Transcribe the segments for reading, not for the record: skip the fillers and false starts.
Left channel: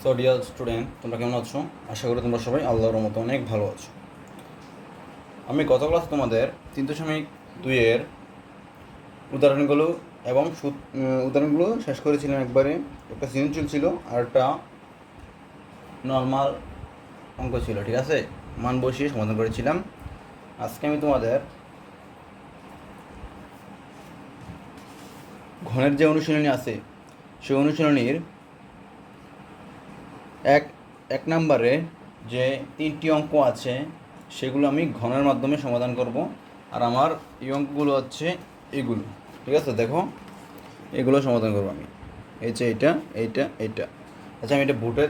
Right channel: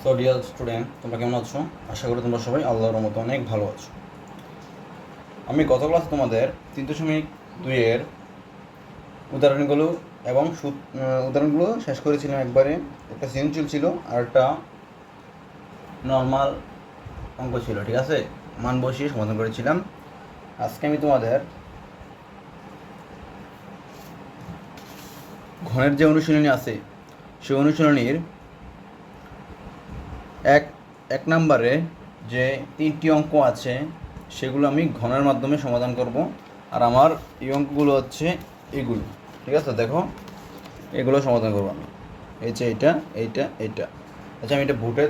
So dear student, তোমরা কেমন আছো? আশা করি তোমরা সবাই আল্লাহর রহমতে অনেক ভালো আছো। আমি গত ক্লাসে তোমাদের 3.2-এর উদাহরণগুলো এবং উদাহরণগুলো শেষ করেছিলাম একবারে। একটা সিনচুল ছিল আর একটা নর্মাল অঙ্ক ছিল, ঠিক আছে? মান বসিয়ে সমাধান করেছিলাম। আজকে আমি তোমাদের ঘনের যে অনুশীলনী আছে সেই অনুশীলনীর এক নম্বরে যে 3টি অঙ্ক আছে সেগুলো আমি ঘনের মাধ্যমে সমাধান করব। আর আমার এই অঙ্কগুলো হচ্ছে এগুলো, ঠিক আছে? দেখো, এগুলো সমাধান করবো আমি। এই যে এইটা। আচ্ছা, আমি এটা ভুটে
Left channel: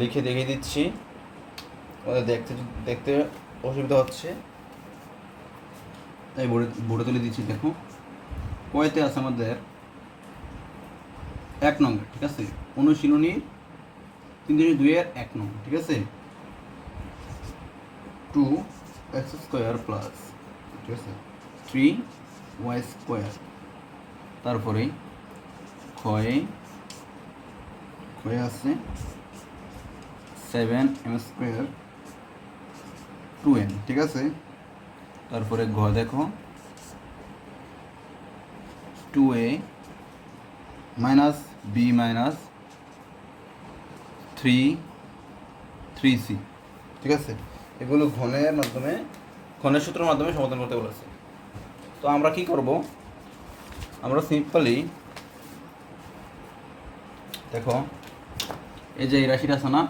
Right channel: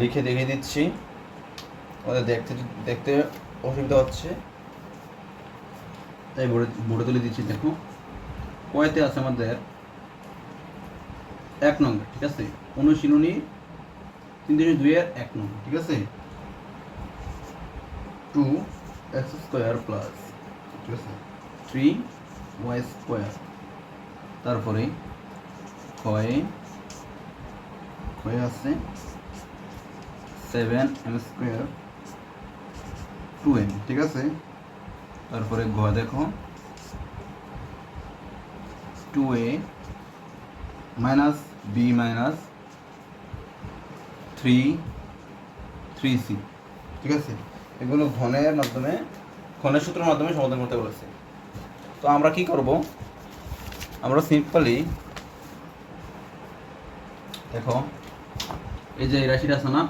লিখে দেখিয়ে দিচ্ছি। ওদের দেখতে অসুবিধা হচ্ছে তাই ভুটে তুলে দিচ্ছি। দেখো, কয়তে আছে আমাদের 1 নম্বর, ঠিক আছে? অনুশীলনী 3.2-এর 1 নম্বর, ঠিক আছে? 2x² প্লাস, ঠিক আছে, 3y²। তারপরে ক্ষয়ে আছে 7m² 2n, ঠিক আছে? তারপরে ঘ দেখো 2a minus b minus 3c, ঠিক আছে? এগুলো ঘনের সূত্রের মাধ্যমে সমাধান করতে বলেছে। তো আমরা কি করব? আমরা সিম্পলি দেখো, এই যে এই রাশিটা আছে না,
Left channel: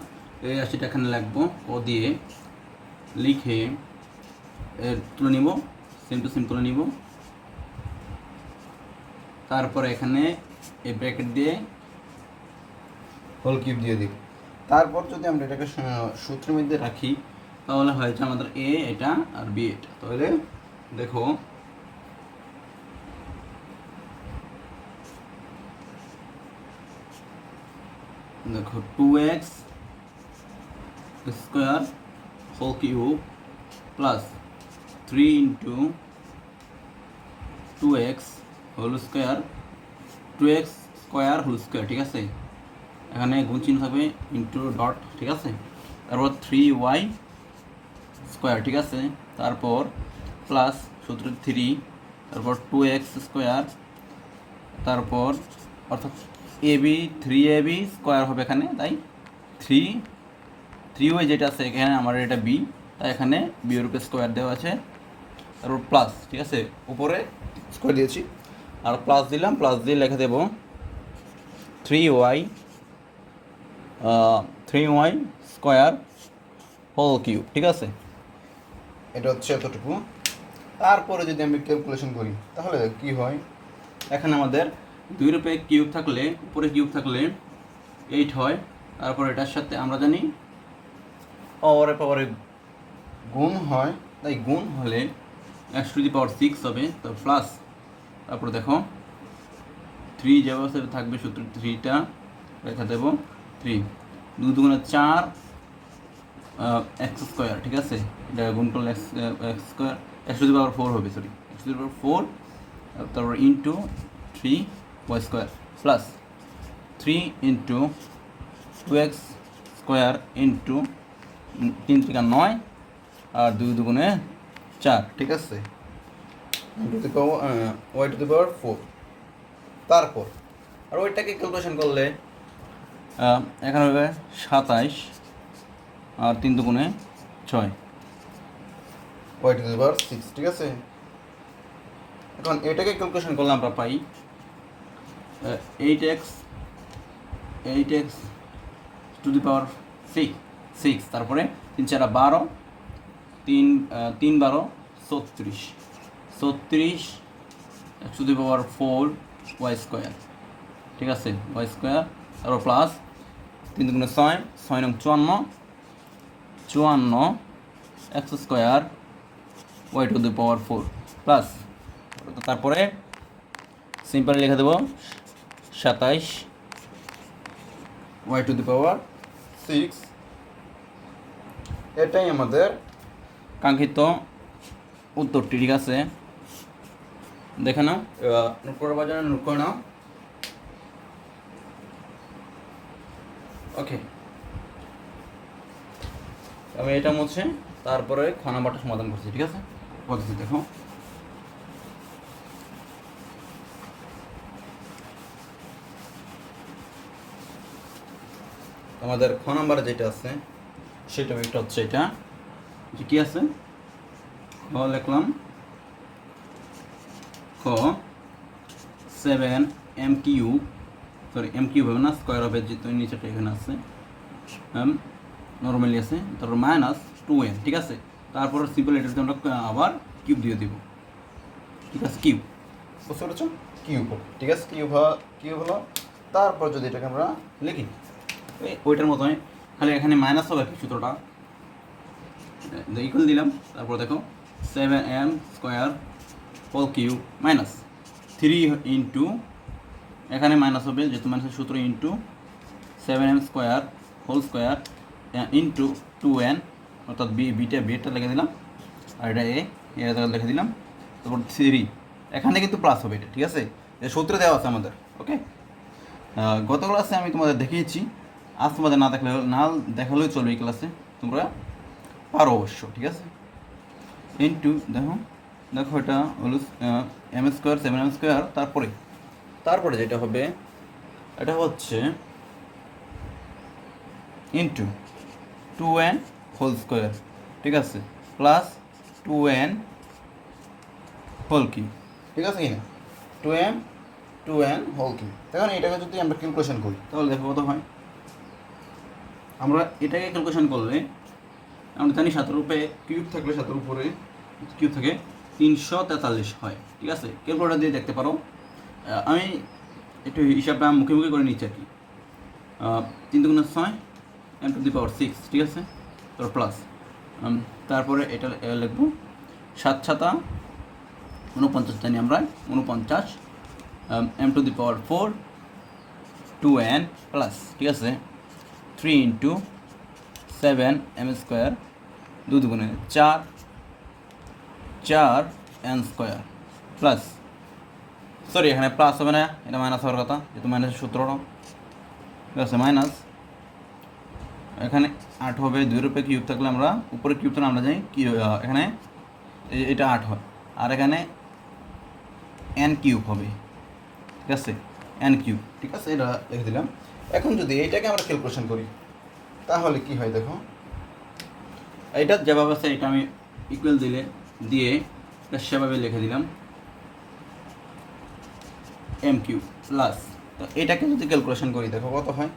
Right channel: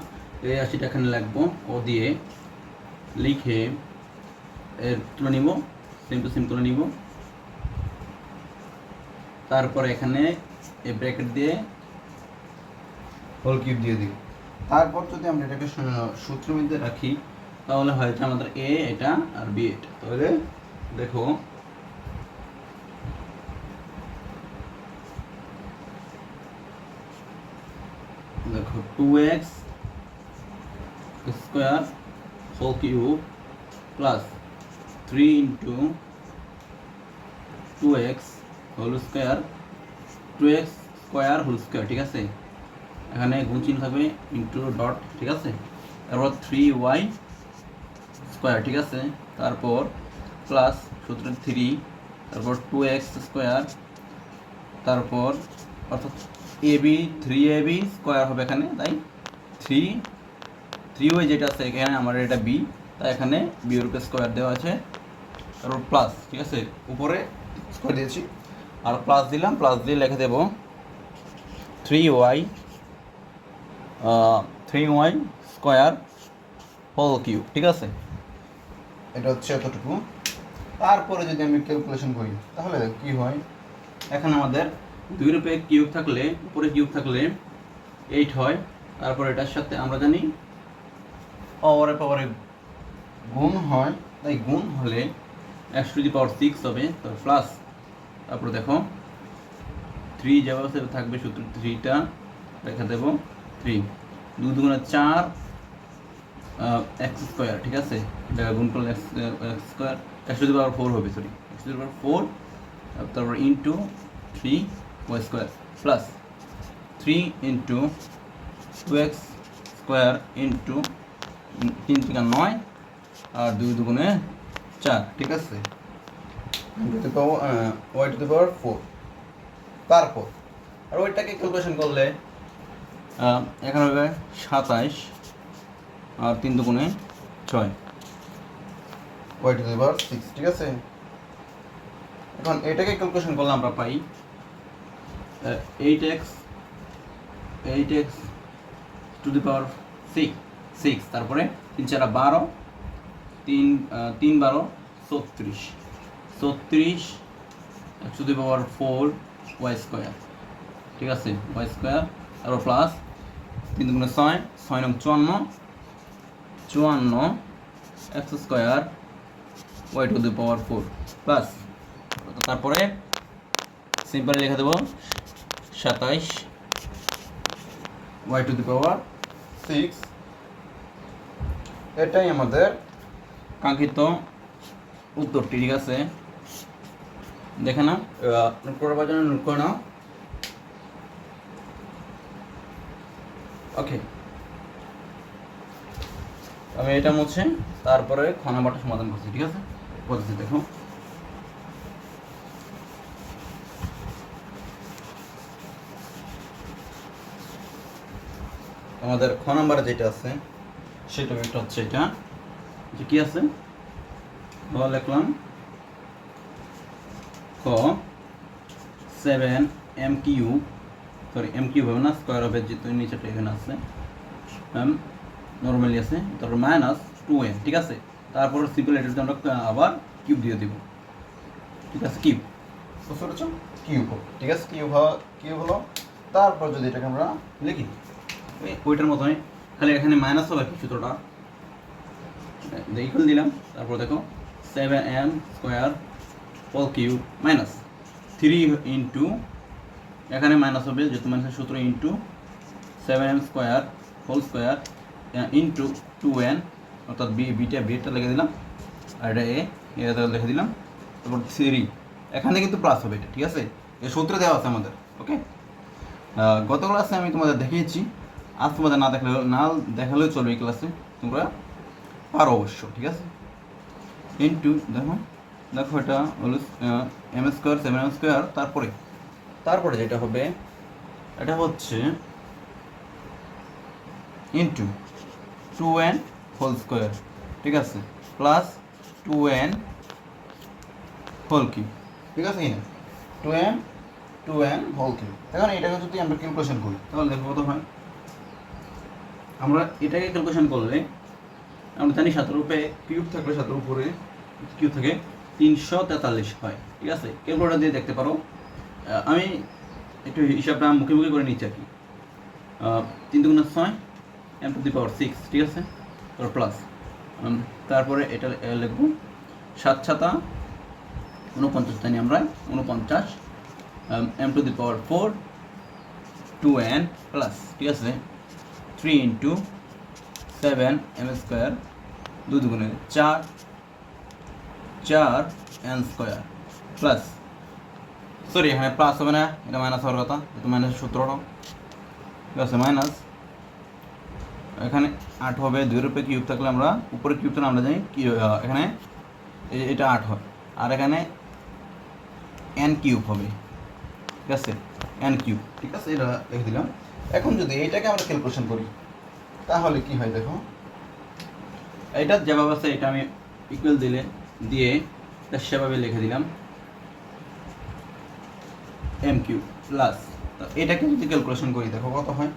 এই রাশিটা এখানে লিখবো, ও দিয়ে লিখে এর তুলে নিব, সেম টু সেম তুলে নিব। তারপরে এখানে এই ব্র্যাকেট দিয়ে হোল কিউব দিয়ে দিব। তারপর যদি আমরা এটাকে সূত্রের মধ্যে রাখি তাহলে হয়েছে আমাদের এ এটা আর বি এটা। তাহলে দেখো, দেখো 2x² whole cube plus 3 into 2x whole square, 2x² whole square, ঠিক আছে? এখানে গুণ চিহ্ন হবে, ইন্টু ডট, ঠিক আছে? তারপর 3y², ঠিক আছে? তারপর প্লাস সূত্র 3, তারপর 2x², তারপর অর্থাৎ ab 3ab² হবে এখানে, তাই 3y যেটা আছে এখানে আমার এটা b, তাই এখানে b এর উপরে স্কোয়ার দেওয়া আছে, তারপর প্লাস, ঠিক আছে? উপরে স্কোয়ার দিয়েছি আর প্লাস দিলাম, প্লাস দিয়ে লিখে দেব 3y² হোল কিউব, ঠিক আছে? এটা হচ্ছে এতটুকু। তারপরে যদি আমি ক্যালকুলেশন করি তাহলে কি হয়? এখানে আমাদের 2 রূপে কিউব থাকলে, উপরে কিউব থাকলে 8 হয়। তারপর এটার সাথে আমরা জানি পাওয়ারে গুণ হয়, তাই গুণ হলে x⁶ হবে, তো প্লাস। তারপর দেখো 3 যাওয়া থাকবে, সূত্র 3টা রেখে দেব, 3 2 দুগুণে 4 x², ঠিক আছে? এটা গুণ করলে x⁴ হবে, সরি x⁴, তারপর into 3y² plus 3 into 2x² into 3 থেকে 9 আর 2 দুগুণে 4, ঠিক আছে? y⁴। তারপর আর ওইটাকে ক্যালকুলেশন করলে এখানে হবে 27 আর 3 দুগুণে 6, y⁶, ঠিক আছে? এখন এটাকে ক্যালকুলেশন করলে আমরা পাই 8x টু দি পাওয়ার 6, তারপরে 3 4 12, 3 12 36 x⁴ y², ঠিক আছে? y², তারপর প্লাস 3 দুগুণে 6, 6 9 54 x² y⁴ প্লাস, তারপরে সিম্পল লিখে দেবো 27 y⁶। এটাই আমাদের কাঙ্ক্ষিত উত্তরটি, ঠিক আছে? দেখে নাও, নোট করার জন্য নোট করে নাও। ওকে, আমি এটা মুছে তারপরে খ নাম্বারটা সমাধান করছি। ঠিক আছে, বলছি দেখো আমাদের খ নাম্বারে যেটা আছে সেটা হচ্ছে এটা যে কি আছে, খ লিখলাম খ 7m cube, sorry m cube হবে না, স্কোয়ার হবে যেহেতু নিচেটা এখানে আছে, নর্মালি আছে, তারপর মাইনাস 2n। ঠিক আছে, তারপর সিম্পল এটার জন্য আবার কিউব দিয়ে দিব। ঠিক আছে, কিউব, বুঝতে পেরেছো, কিউব। ঠিক আছে, কিউব হলো। তারপর যদি এটাকে আমরা লিখি ওইটার মতোই, খালি এখানে মাইনাস হবে কি সূত্রটা ইকুয়াল দিলাম, তারপর দেখো 7m square whole cube minus 3 into, এখানে মাইনাস হবে যেহেতু মাইনাসের সূত্র, into 7m square whole square into 2n, অর্থাৎ বিটা লিখে দিলাম, আর এটা লিখে দিলাম, তারপর 3, এখানে কিন্তু প্লাস হবে এটা। ঠিক আছে, সূত্র দেওয়া আছে আমাদের। ওকে, গত ক্লাসে আমি তোমাদের দেখিয়েছি, আজ তোমাদের না দেখালেও চলবে এই ক্লাসে, তোমরা পারো অবশ্য। ঠিক আছে, ইন্টু দেখো এটা হলো m স্কোয়ার 7m স্কোয়ার, তারপরে যেটা হবে এটা হচ্ছে ইন্টু 2n হোল স্কোয়ার। ঠিক আছে, প্লাস 2n হোল কিউব। ঠিক আছে, 2n হোল কিউব। এখন এটাকে যদি আমরা ক্যালকুলেশন করি তাহলে দেখো কত হয়। আমরা এটাকে ক্যালকুলেশন করলে আমরা জানি 7 কিউব থাকলে 7 উপরে কিউব থাকে 343 হয়। ঠিক আছে, ক্যালকুলেটর দিয়ে দেখতে পারো, আমি একটু হিসাবটা মুখে করে নিচ্ছি আর কি। 3 × 6 m টু দি পাওয়ার 6। ঠিক আছে, তারপর প্লাস, তারপরে এটা লিখবো 7 7 49 জানি আমরা 49 m to the power 4 2n plus. ঠিক আছে, 3 ইন্টু 7m স্কোয়ার 2 দুগুণে 4n স্কোয়ার প্লাস, সরি এখানে প্লাস হবে না, এটা মাইনাস হওয়ার কথা, এটা মাইনাসের সূত্রটা। ঠিক আছে, মাইনাস, এখানে 8 হবে, 2 রূপে কিউব থাকলে আমরা উপরে কিউবটা আমরা জানি কি, এখানে এটা 8 হয়, আর এখানে n কিউব হবে। ঠিক আছে, n কিউব। ঠিক আছে, এটা লিখে দিলাম। এখন যদি এইটাকে আমরা ক্যালকুলেশন করি তাহলে কি হয় দেখো, এটা যেভাবে আছে এটা আমি ইকুয়াল দিয়ে সেভাবে লিখে দিলাম m কিউব প্লাস, এটাকে যদি ক্যালকুলেশন করি দেখো কত হয়,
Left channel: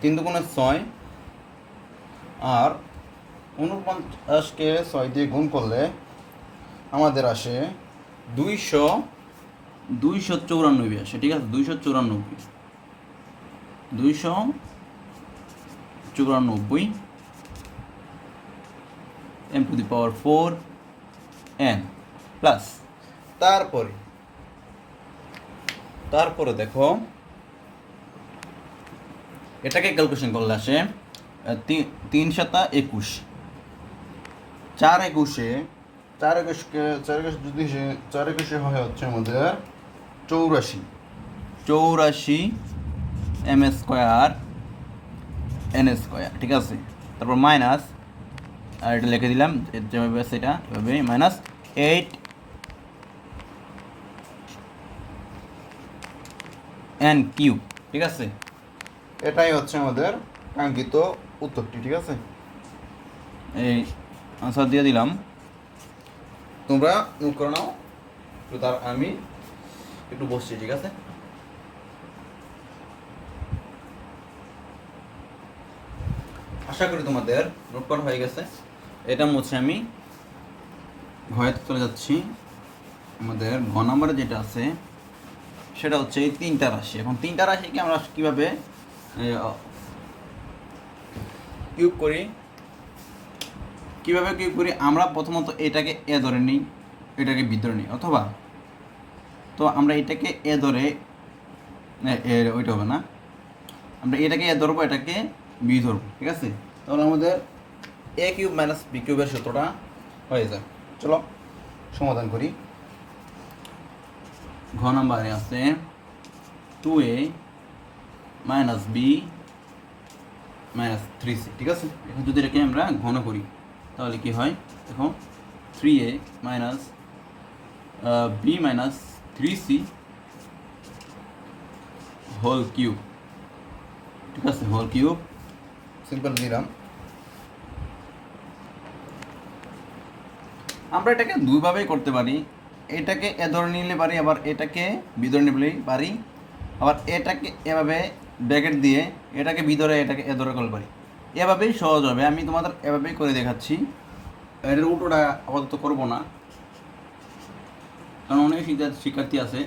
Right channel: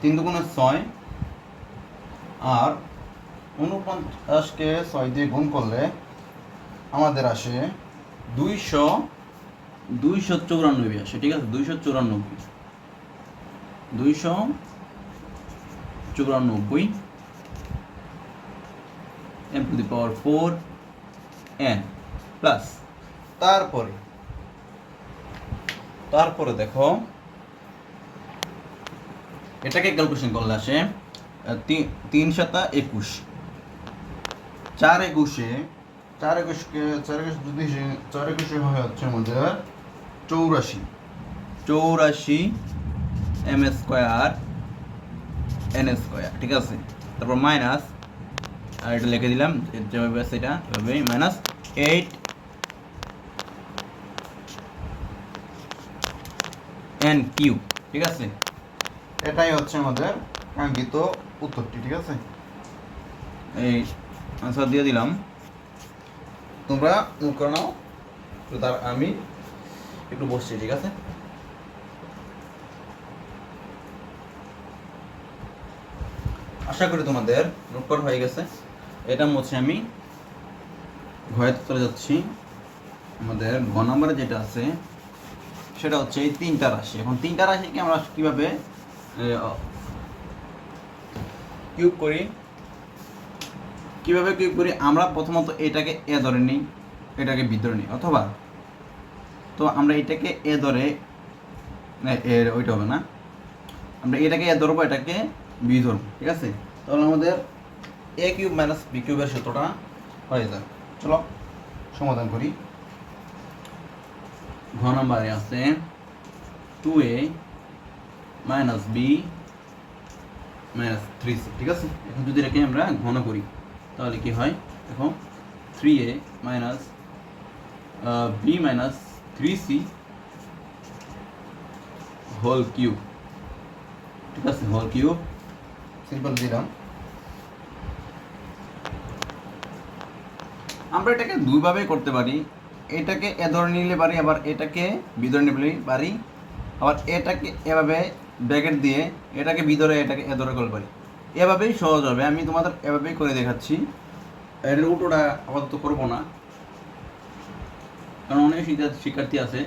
3 দুগুণে 6, আর 49কে 6 দিয়ে গুণ করলে আমাদের আসে 294 আসে। ঠিক আছে, 294 m to the power 4n plus, তারপরে দেখো এটাকে ক্যালকুলেশন করলে আসে 3 7 21, 4 21 হয় হচ্ছে আমাদের 84 m স্কোয়ার n স্কোয়ার। ঠিক আছে, তারপর মাইনাস, আর এটা লিখে দিলাম যেভাবে আছে এটা এভাবে, মাইনাস 8n কিউব। ঠিক আছে, এটাই হচ্ছে আমাদের কাঙ্ক্ষিত উত্তরটি। ঠিক আছে, এই অ্যান্সার দিয়ে দিলাম, তোমরা নোট করে নাও, তো তার আমি একটু বসছি। ঠিক আছে, আশা করি তোমাদের নোট করা হয়ে গেছে। এটা মুছে আমি ঘরেতে চলে যাচ্ছি। আমাদের ঘ নম্বরে যেটা আছে সেটা হচ্ছে এই 3টা রাশি। এখন 3টা রাশিকে আমরা কীভাবে কিউব করি, আমরা প্রথমত এটাকে এ ধরে নিই, এটাকে বি ধরে নিই, অথবা তো আমরা এটাকে এ ধরে, ওইটা হবে না, আমরা এটাকে এ ধরবো, এটাকে বি ধরবো। ঠিক আছে, তাহলে আমাদের এ কিউব মাইনাস বি কিউবের সূত্রটা হয়ে যায়। চলো সমাধান করি। ঘ নাম্বারে আছে 2a minus B minus 3c, ঠিক আছে। এখন যদি এটাকে আমরা ঘন করি তাহলে কি হয় দেখো, 3a minus b minus 3c whole cube, ঠিক আছে, হোল কিউব সিম্পল দিলাম। আমরা এটাকে দুইভাবেই করতে পারি, এটাকে এ ধরে নিলে পারি, আবার এটাকে বি ধরে নিলে পারি, আবার এটাকে এভাবে ব্র্যাকেট দিয়ে এটাকে বি ধরে এটাকে এ ধরে করতে পারি। এভাবেই সহজ হবে, আমি তোমাদের এভাবেই করে দেখাচ্ছি। এর উল্টোটা আপাতত করবো না, কারণ অনেক শিক্ষার্থী আছে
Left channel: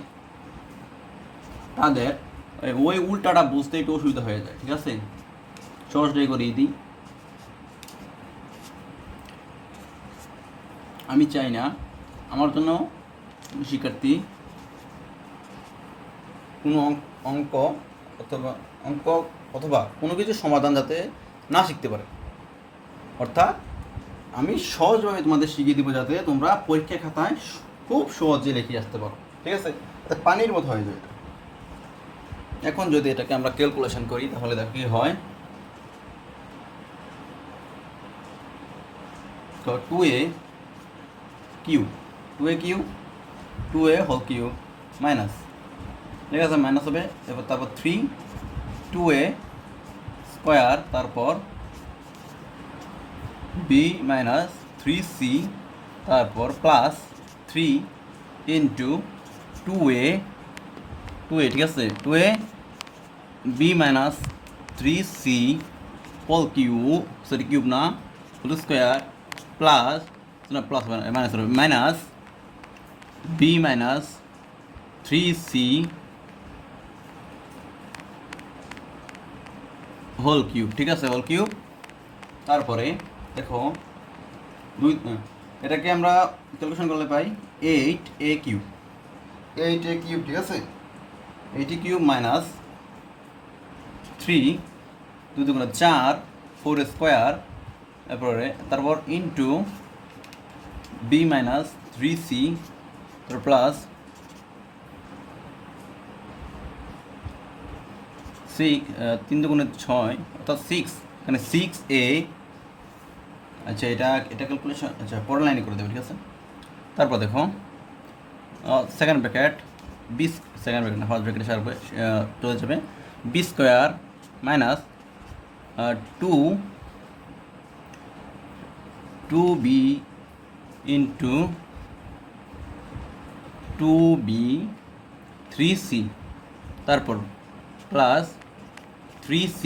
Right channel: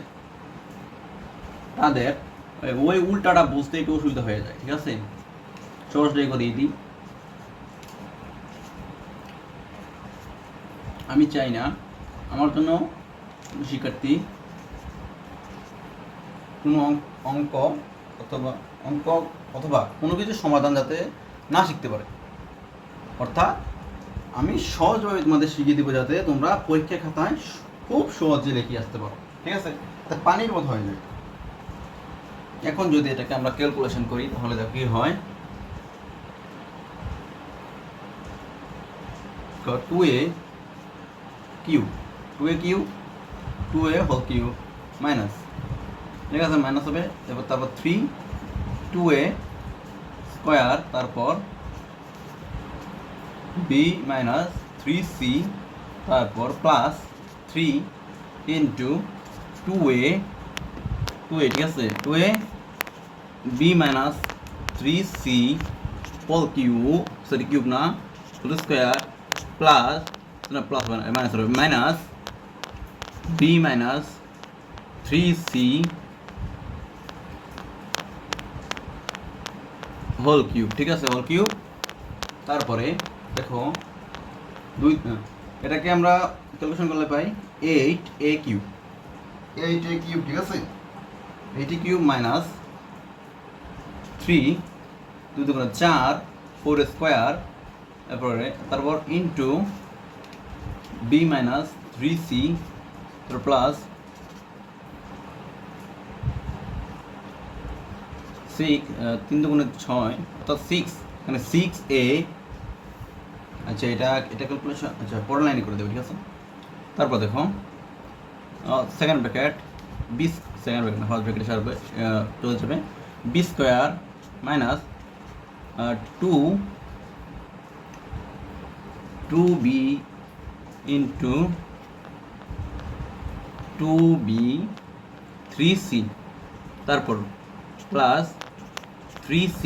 তাদের ওই উল্টাটা বুঝতে একটু অসুবিধা হয়ে যায়, ঠিক আছে। সহজটাই করিয়ে দিই। আমি চাই না আমার জন্য শিক্ষার্থী কোনো অঙ্ক অথবা কোনো কিছু সমাধান যাতে না শিখতে পারে। অর্থাৎ আমি সহজভাবে তোমাদের শিখিয়ে দিব যাতে তোমরা পরীক্ষা খাতায় খুব সহজে লিখে আসতে পারো, ঠিক আছে। তা পানির মতো হয়ে যায়। এখন যদি এটাকে আমরা ক্যালকুলেশন করি তাহলে দেখো কি হয়, 2a cube 2a whole cube minus, ঠিক আছে, মাইনাস হবে, তারপর 2a স্কোয়ার, তারপর b মাইনাস 3c, তারপর প্লাস 3 ইন্টু 2a, ঠিক আছে, 2a b minus 3c whole cube, sorry cube না, হোল স্কোয়ার, প্লাস না প্লাস মাইনাস হবে, minus b minus 3c whole cube, ঠিক আছে, হোল কিউব। তারপরে দেখো এটাকে আমরা ক্যালকুলেশন করলে পাই 8a কিউব, ঠিক আছে, 8a কিউব মাইনাস 3 2 দুগুণে 4 4 স্কোয়ার, তারপর ইন্টু b মাইনাস 3c, তারপর প্লাস 6 3 দুগুণে 6 অর্থাৎ 6, এখানে 6a, আচ্ছা এটা ক্যালকুলেশন, আচ্ছা পরের লাইনে করে দেবো, ঠিক আছে। তারপর দেখো second bracket B, second bracket না ফার্স্ট ব্র্যাকেটে সারবে চলে যাবে, B square minus 2b into 2b 3c, তারপর plus 3c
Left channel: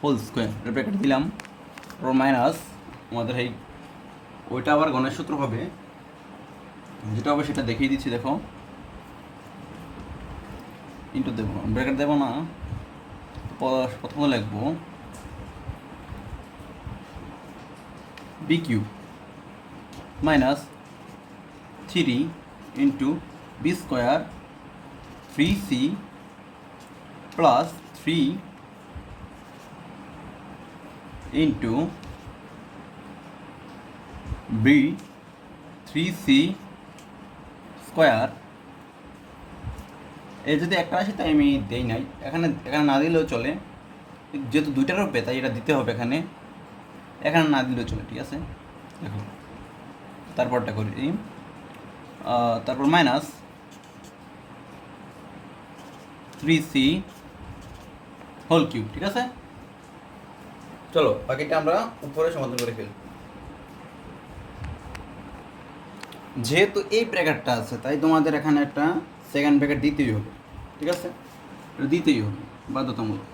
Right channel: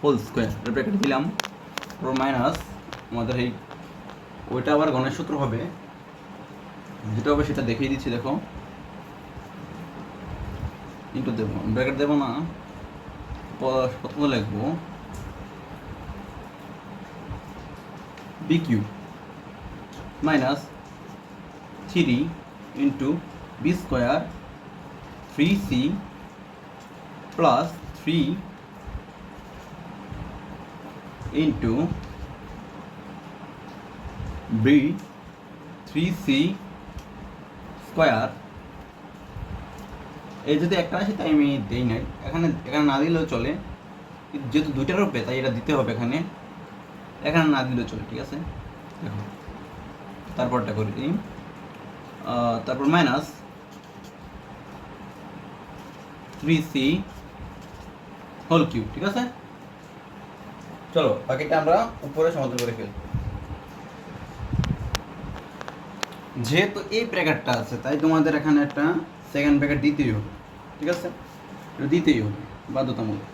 whole square, bracket দিলাম, তারপর মাইনাস আমাদের এই ওইটা আবার গণের সূত্র হবে, যেটা হবে সেটা দেখিয়ে দিচ্ছি, দেখো ইন্টু দেবো, ব্র্যাকেট দেবো না, প্রথমে লিখবো B cube minus 3 into B square 3c plus 3 into B 3c square. এই যদি একটা আসে তাই আমি দেই নাই, এখানে না দিলেও চলে, যেহেতু দুইটার উপরে তাই এটা দিতে হবে, এখানে না দিলেও চলে, ঠিক আছে। দেখো তারপরটা করি, তারপর মাইনাস 3c হোল কিউব, ঠিক আছে। চলো বাকিটা আমরা উপরে সমাধান করে ফেলি। যেহেতু এই ব্র্যাকেটটা আছে তাই তোমাদের এখানে একটা সেকেন্ড ব্র্যাকেট দিতেই হবে, ঠিক আছে, দিতেই হবে বাধ্যতামূলক,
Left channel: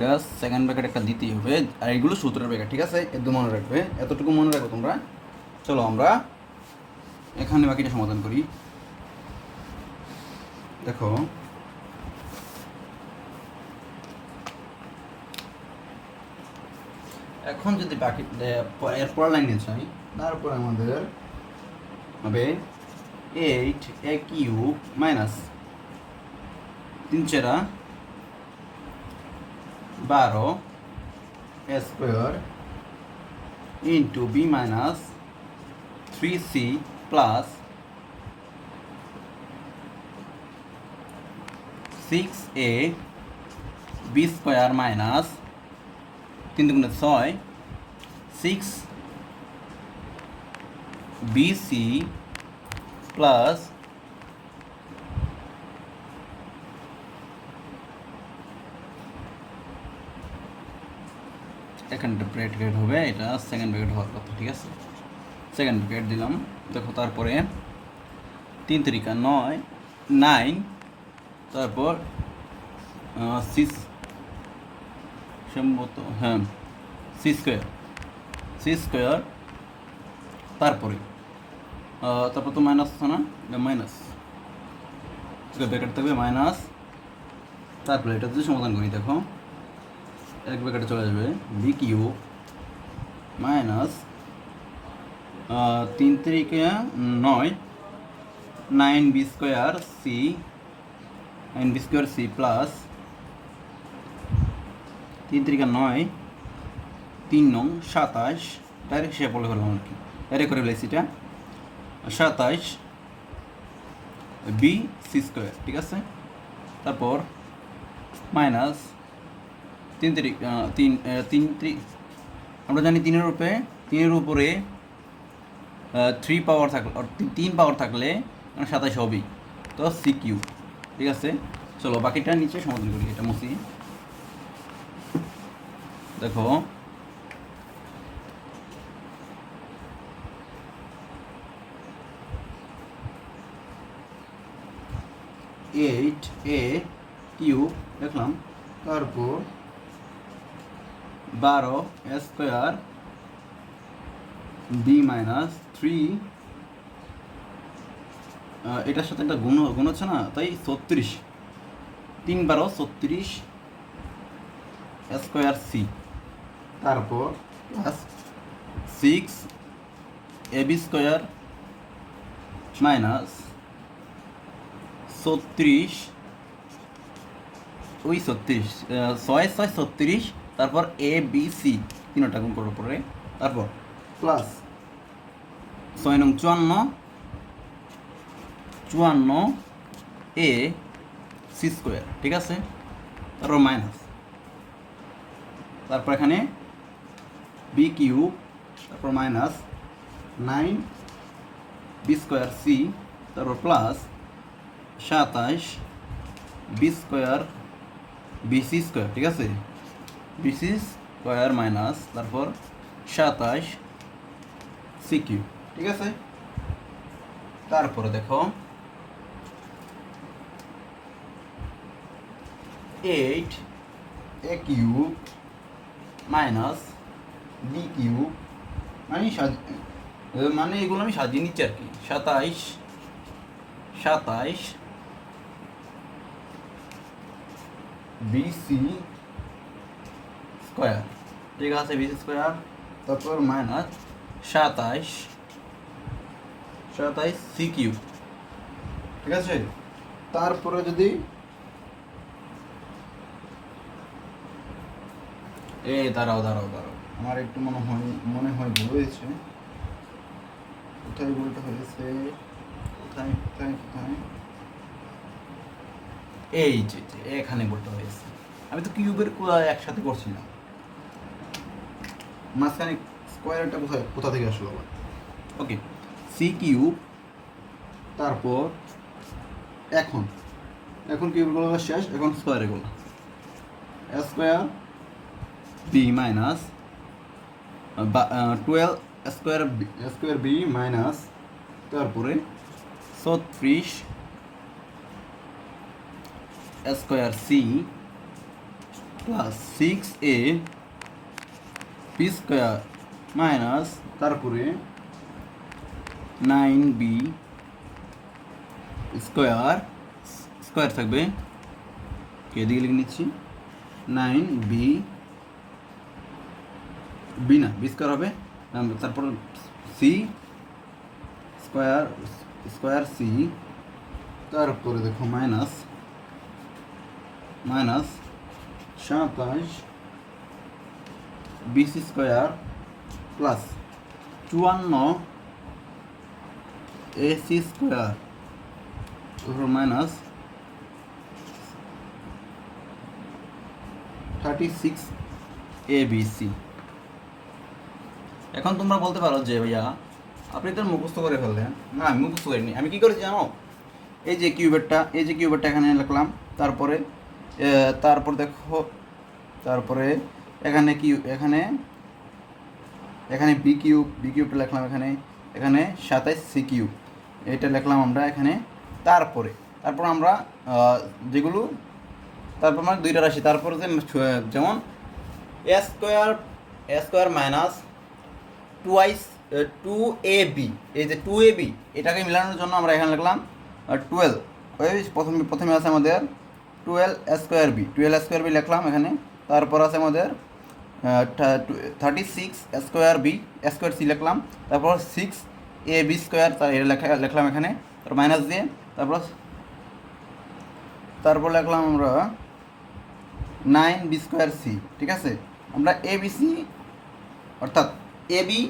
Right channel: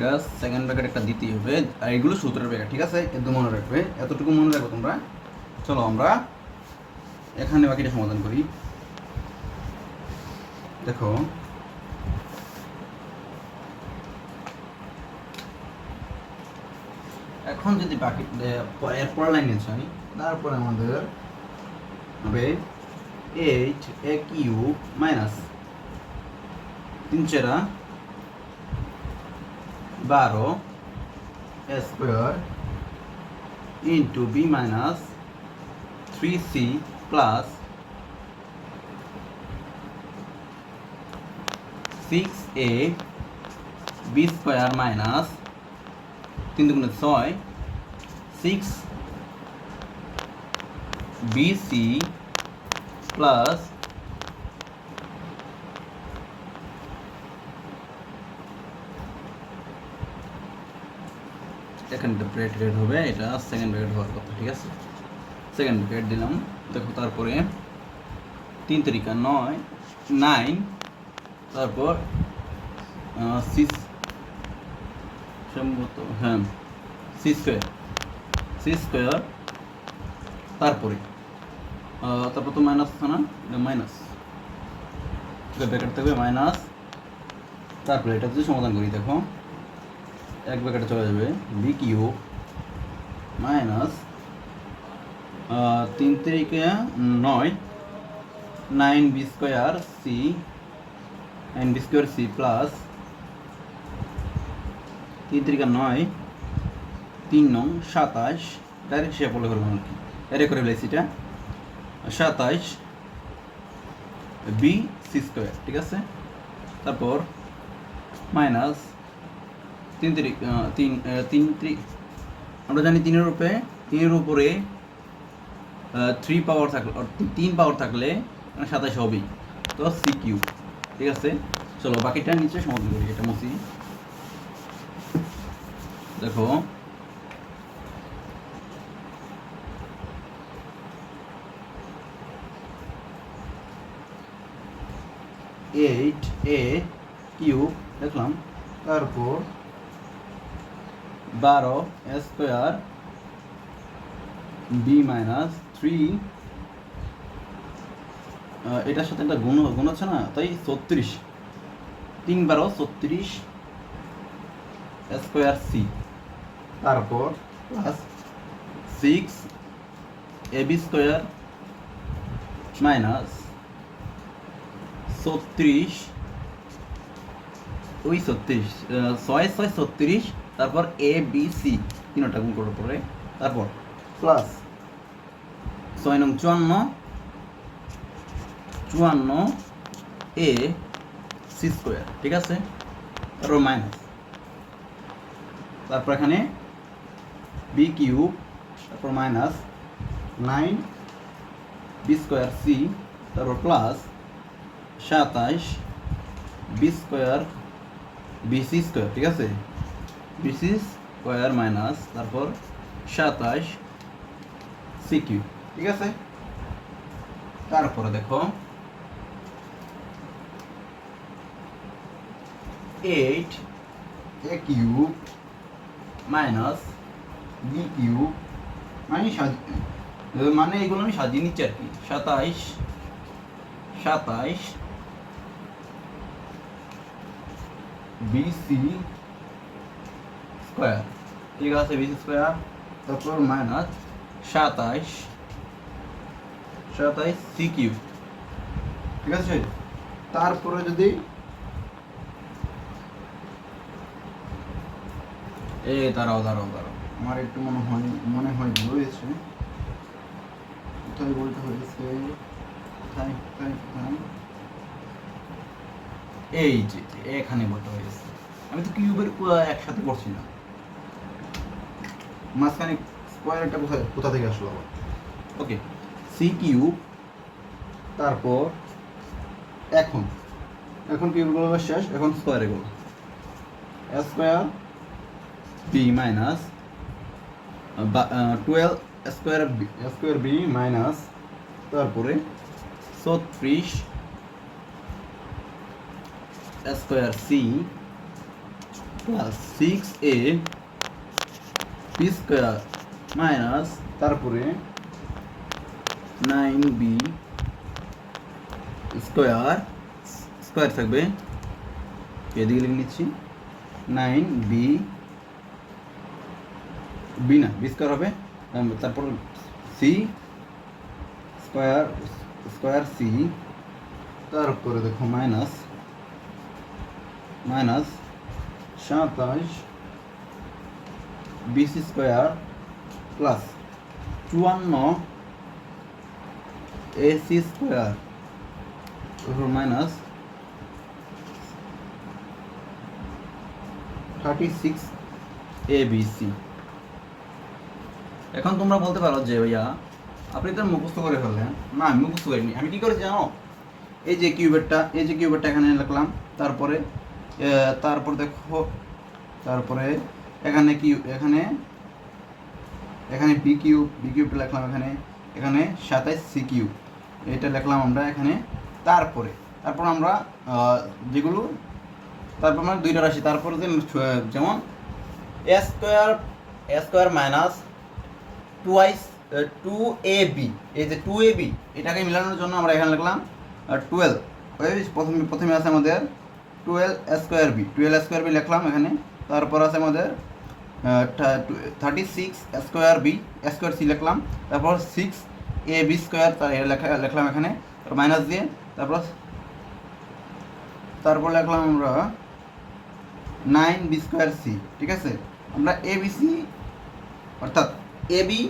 জাস্ট সেকেন্ড ব্র্যাকেট একটা দিতেই হবে। আর এগুলো সূত্রের ব্র্যাকেট, ঠিক আছে, এত মনে রাখবে, এতটুকু মনে রাখবে তোমরা। চলো আমরা এখানে বাকিটা সমাধান করি। দেখো এখন যদি বাকি এরপর লাইনে চাই, তারপরে আমাদের হবে 8a cube minus 3 4 12 square into B minus 3c plus 6a B square minus 3 দুগুণে 6 6 বিসি প্লাস এখানে ব্র্যাকেট হবে, এটা সেকেন্ড ব্র্যাকেট হওয়ার কথা, ঠিক আছে। সেকেন্ড ব্র্যাকেট দিলাম। দেখো তারপরে 3 3 9 9, তারপর সিক্স সম্ভবত, হ্যাঁ সি স্কোয়ার, তারপরে তারপর তো মাইনাস আছে না, এটা মাইনাস ব্র্যাকেট থাকবে মাইনাস, তারপরে এটা যদি সমাধান করি দেখো এক ব্র্যাকেটে চলে যাবে B cube minus 3 3 9 9 B square C plus 3 3 9 3 9 27, direct হিসাব বলে করলাম আর কি, ডাইরেক্ট করে ফেলেছি এটা 27 বি সি স্কোয়ার, ঠিক আছে। তারপর মাইনাস 3 3 আমরা জানি 3 এর উপরে 3 পাওয়ার থাকলে, 3 পাওয়ার থাকলে 27 হবেই, তো সি কিউ, ঠিক আছে। চলো বাকিটা নিচে সমাধান করি, এটা মুছি। দেখো এইট এ কিউ দেখলাম, তারপর 12 স্কোয়ার বি মাইনাস 3, এটার সাথে একটা গুণ আছে না, তাই 36 3 12 36 স্কোয়ার সি, তারপর plus 6 A B square minus 36 ওই 36 6 6 36, তারপর এ বি সি তিনটা গুণ করার পরে, তারপর প্লাস 6 নং 54 এ সি স্কোয়ার, ঠিক আছে। তারপর মাইনাস, তারপর এখানে বি কিউ, তারপর মাইনাস 9 বি স্কোয়ার সি, তারপর plus 27 B square BC square, ঠিক আছে, বিসি স্কোয়ার মাইনাস তারপর 27 সি কিউ, ঠিক আছে। তারপরে দেখো 8 এ কিউ মাইনাস বি কিউ, মানে এগুলো আমি সাজিয়ে নিচ্ছি আর কি, 27 বিসি স্কোয়ার, ঠিক আছে, বিসি স্কোয়ার, তারপর মাইনাস 27 সি কিউ, ঠিক আছে। তারপরে যদি দাঁড়াও আমার একটু মনে হয় ভুল হয়েছে, কোথায় বলতে হয়েছে, কোথায় এই যে এখানে বলতে হয়েছে, আমি তো কিউবের একসাথে করছি না, মাঝখানে স্কোয়ারটা কোথা থেকে আসলো। ওকে, সি কিউব, তারপর এখন কিউবগুলো শেষ, এখন স্কোয়ার এগুলো square B minus 12 square B minus, তারপরে 36 square C plus 6 A B square minus, তারপরে 9 বি স্কোয়ার থাকবে, এদিকে লিখে নিচ্ছি 9 বি না বি স্কোয়ার হবে, তারপর সি স্কোয়ার সি, তারপরে দেখো minus 27 BC square plus 54 AC square, তারপর মাইনাস 36 ABC। এখন তোমরা বলতে পারো যে ভাইয়া আপনি তো মুখস্থ করে ফেললেন। না, আমি মুখস্থ করিনি। আমি কি করেছি জানো? এই যে কিউবেরটা এখানে লিখলাম, তারপর দেখো, তারপরে এখানে এখানে বি কিউবটা লিখলাম, এখানে 27 সি কিউব এটা লিখলাম আমরা এখানে। তারপর আমরা যেগুলো, তারপর মানে দুইটা রাশি, তারপরে যেমন এ স্কোয়ার মাইনাস টুয়াইস 2ab, এই যে 2ab এটাকে মেলানোর জন্য আমরা এখানে লিখলাম 12। প্রথমে আছে আমাদের 12 স্কোয়ার বি লিখলাম এখানে। তারপর আছে আমাদের 36 স্কোয়ার সি লিখলাম। তারপর 6ab স্কোয়ার লিখলাম এখানে, মাইনাস দিয়ে। তারপর লিখলাম আমরা 9b স্কোয়ার সি। ঠিক আছে, আমরা এবিসি অর্থাৎ এবি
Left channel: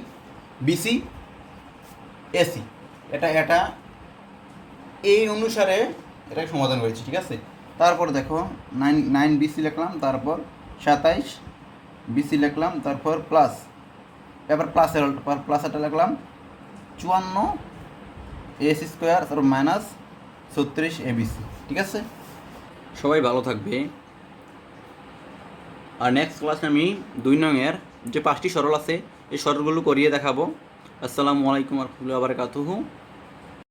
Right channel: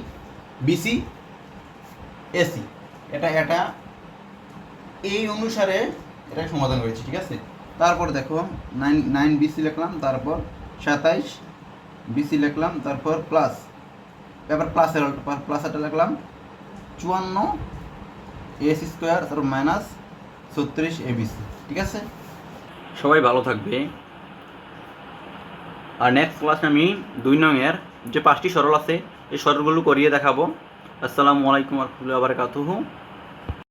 বিসি এসি এটা এই অনুসারে এটা সমাধান করেছি। ঠিক আছে, তারপর দেখো 9 বিসি লিখলাম, তারপর 27 বিসি লিখলাম, তারপর প্লাস, এবার প্লাসেরটা লিখলাম 54 এসি স্কোয়ার, তারপর মাইনাস 36 এবিসি। ঠিক আছে, সবাই ভালো থাকবে। আর নেক্সট ক্লাসে আমি 2 নংয়ের যে 5টি সরল আছে এই সরলগুলো করিয়ে দেখাবো। আসসালামু আলাইকুম ওয়া রাহমাতুল্লাহি ওয়া বারাকাতুহু।